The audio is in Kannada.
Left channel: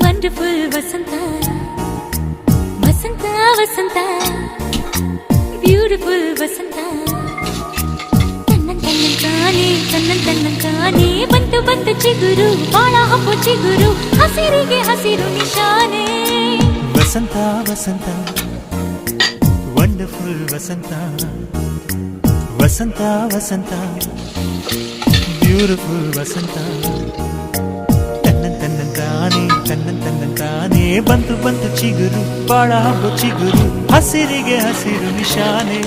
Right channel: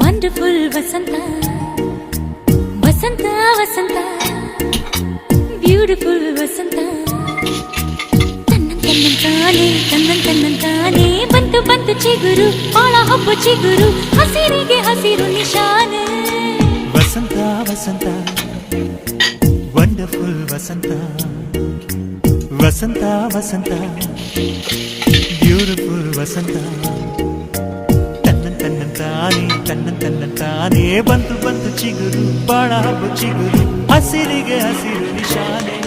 ವಂಡರ್ಫುಲ್ ವಸಂತ ವಸಂತ ವಸಂತ ಬ್ಯೂಟಿಫುಲ್ ವಸಂತ ತನ್ನಂತಾನೆ ಬಂತು ಬಂತು ಚಿಗುರು ಬಾಳ ಹಬ್ಬ ಚಿಗುರು ಹಸಿರಿಗೆ ಹಸಿರು ನಿಶಾನೆ ವಸಂತ ವಸಂತ ವಂಡರ್ಫುಲ್ ವಸಂತ ವಸಂತ ವಸಂತ ಬ್ಯೂಟಿಫುಲ್ ವಸಂತ ತನ್ನಂತಾನೆ ಬಂತು ಬಂತು ಚಿಗುರು ಬಾಳ ಹಬ್ಬ ಚಿಗುರು ಹಸಿರಿಗೆ ಹಸಿರು ನಿಶಾನೆ